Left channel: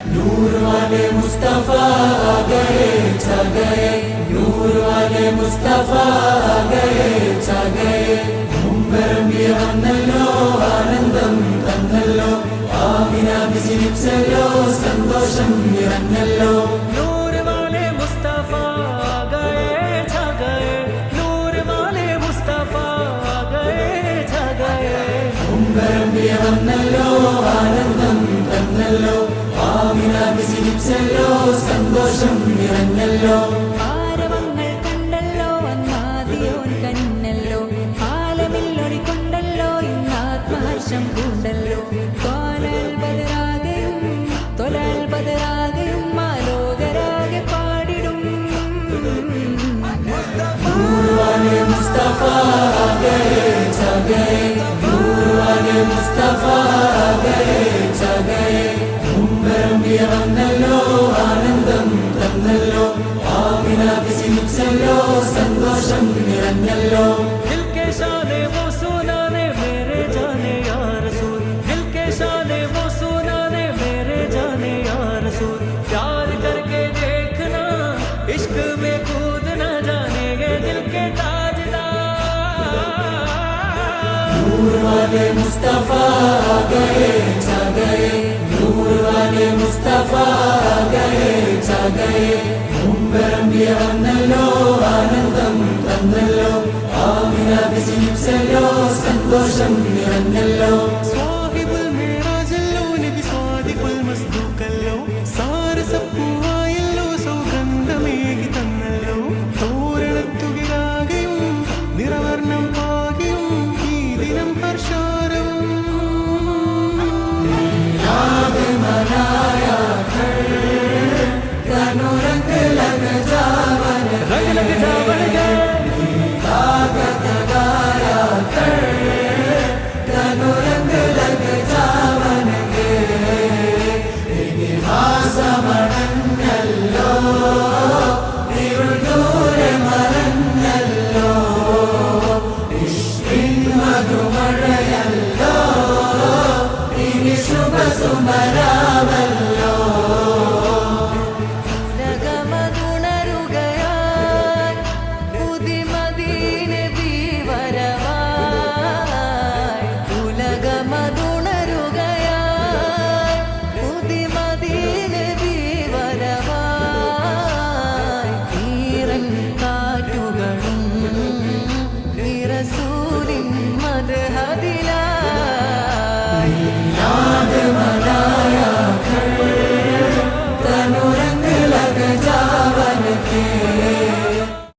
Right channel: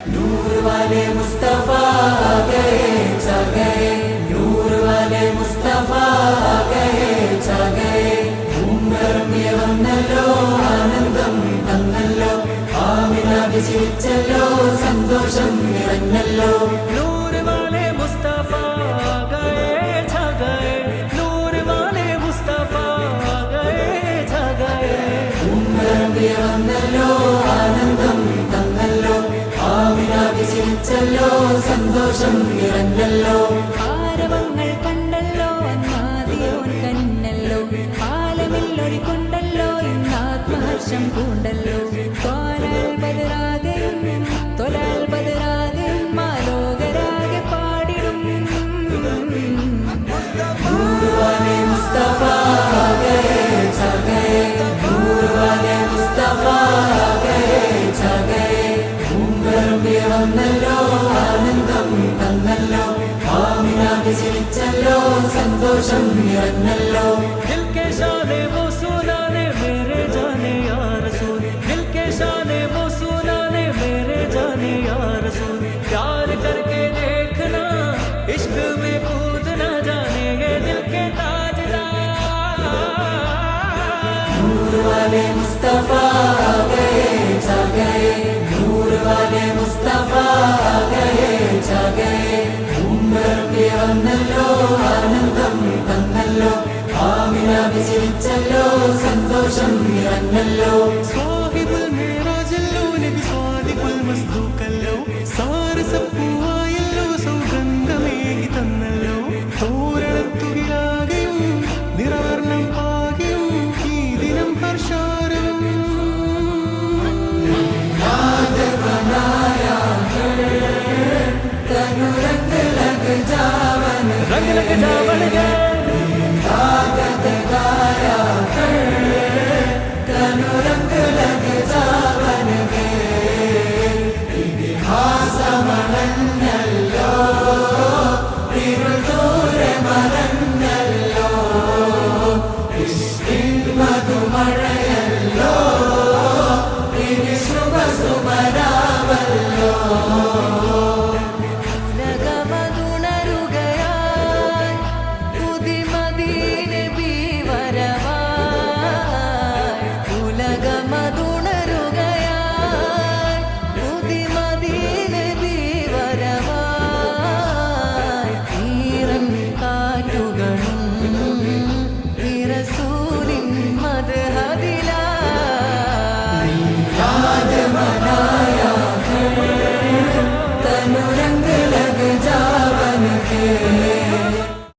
नूर वाले मुस्तफा आ गए छा गए, नूर वाले मुस्तफा आ गए छा गए. വന്നല്ലോ ആനന്ദം തന്നല്ലോ, ആവിനാകെ ചിരിച്ചല്ലോ, സന്തോഷം നിറഞ്ഞല്ലോ. नूर वाले मुस्तफा आ गए छा गए, नूर वाले मुस्तफा आ गए छा गए. വന്നല്ലോ ആനന്ദം തന്നല്ലോ, ആവിനാകെ ചിരിച്ചല്ലോ, സന്തോഷം നിറഞ്ഞല്ലോ. ആരവങ്ങൾ കണ്ടല്ലോ, അന്നാദിയോൻ കനിഞ്ഞല്ലോ, ആലമില്ലൊഴിക്കൊണ്ടല്ലോ, ഇന്നാത്മഹർഷം പൂണ്ടല്ലോ. തൊലാൽ ബദറാകയും മാലോകരാകെ പാടിടും. नूर वाले मुस्तफा आ गए छा गए, नूर वाले मुस्तफा आ गए छा गए. വന്നല്ലോ ആനന്ദം തന്നല്ലോ, ആമിനാകെ ചിരിച്ചല്ലോ, സന്തോഷം നിറഞ്ഞല്ലോ. दिल के शाने वो सुनाने मेरे जाने या रसूल, दिल के शाने वो सुनाने मेरे जाने या रसूल. प्यार करके देखना, इश्क में कूदना, जाने ये दिल के ताजदार. नूर वाले मुस्तफा आ गए छा गए, नूर वाले मुस्तफा आ गए छा गए. വന്നല്ലോ ആനന്ദം തന്നല്ലോ, ആമിനാകെ ചിരിച്ചല്ലോ, സന്തോഷം നിറഞ്ഞല്ലോ. സ്വാഹിബുൽ മിറാജല്ലോ, നബി സ്വാദിഖുൽ മസ്ദൂഖല്ലോ, സാരസപ്പൂവായല്ലോ, സൗഗന്ധമേകി തന്നല്ലോ. തോരണത്തുകിലാകെയും നിറവർണം പാകിയും ഈ ദിനം ഹർഷാരവം. तनु रंग लग जावन रंग लग जावन गए